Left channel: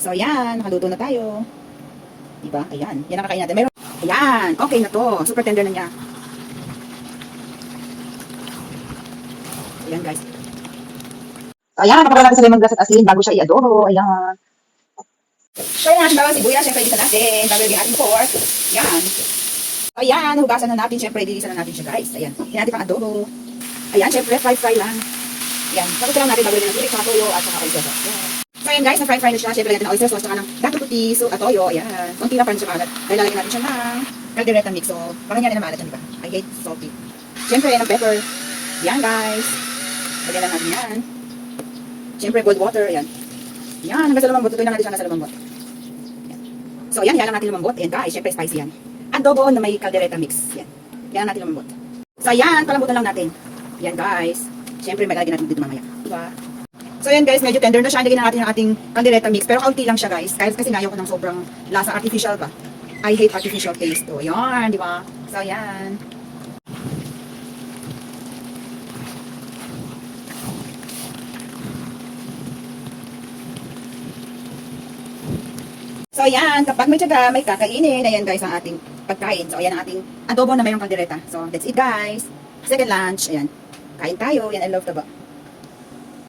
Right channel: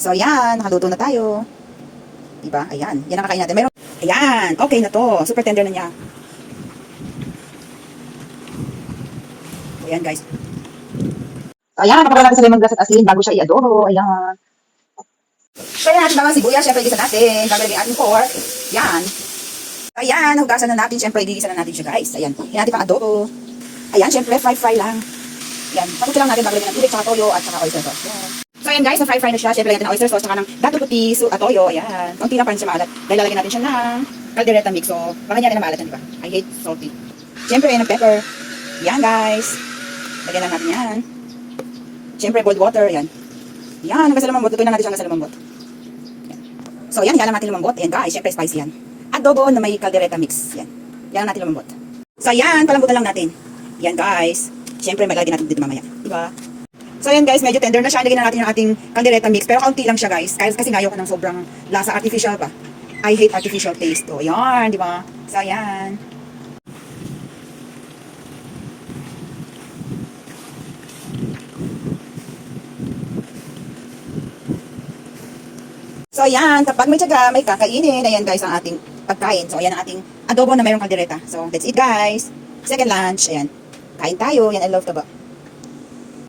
So, ayan, nakaluto na tayo. Diba? Ayan, yan ang kakain natin. Meron, ayan, okay na to. Super tender na niya. Ayan, guys. So, ayan, kapag natin sa lemongrass at asin bago siya i-adobo. Ayan. Kaya natin bawang sibuyas, syempre igisa natin. Bago lagyan ating pork. Ayan. Ayan, nahugasan na natin. Syempre, igisa na natin siya, guys. Ayan, yan natin pang adobo. Ayan, syempre, fry lang. Ayan, tapos lang natin bago lagyan ng tubig, saka toyo, at saka oyster sauce. Ayan. So, ayan guys, na-fry na siya. Syempre, lagyan natin ng oyster sauce, saka lang dato puti, so, at toyo. Ayan. Kunti lang pa rin siya maalat. Dahil lalagyan natin siya ng caldereta mix. So, baka niya rin na maalat yan, diba? I hate salty. Syempre, ng pepper. Ayan, guys. Lagyan lang natin yan. Syempre, cold water. Ayan. Ayan, hanggang sa lumambot. Tutuin lang natin siya hanggang sa lumambot. Ayan. So, ayan, hiyalang natin lumambot. Ayan, guys. Syempre, spicy yan. Adobo na may caldereta mix. Ayan. Hiyalang natin lumambot. So, ayan, palambutan lang natin. Ayan, guys. Syempre, maglagyan natin dito mamaya. Diba? So, ayan guys, medyo tender na siya. Ilagay na natin ang ating caldereta mix. Pero kaunti lang siya, guys. Kasi ayaw ko ng sobrang lasa. Artificial pa. I hate artificial taste. So, ayan, di ba? So, ayan. So, ayan. Kapag may tiyaga, may kakainin. Ayan, guys, ang ating pagkain. So, ayan ang ating adobo na mayroong caldereta. So, that's it, guys. Second lunch. Ayan. Kain tayo. Yan, I love taba.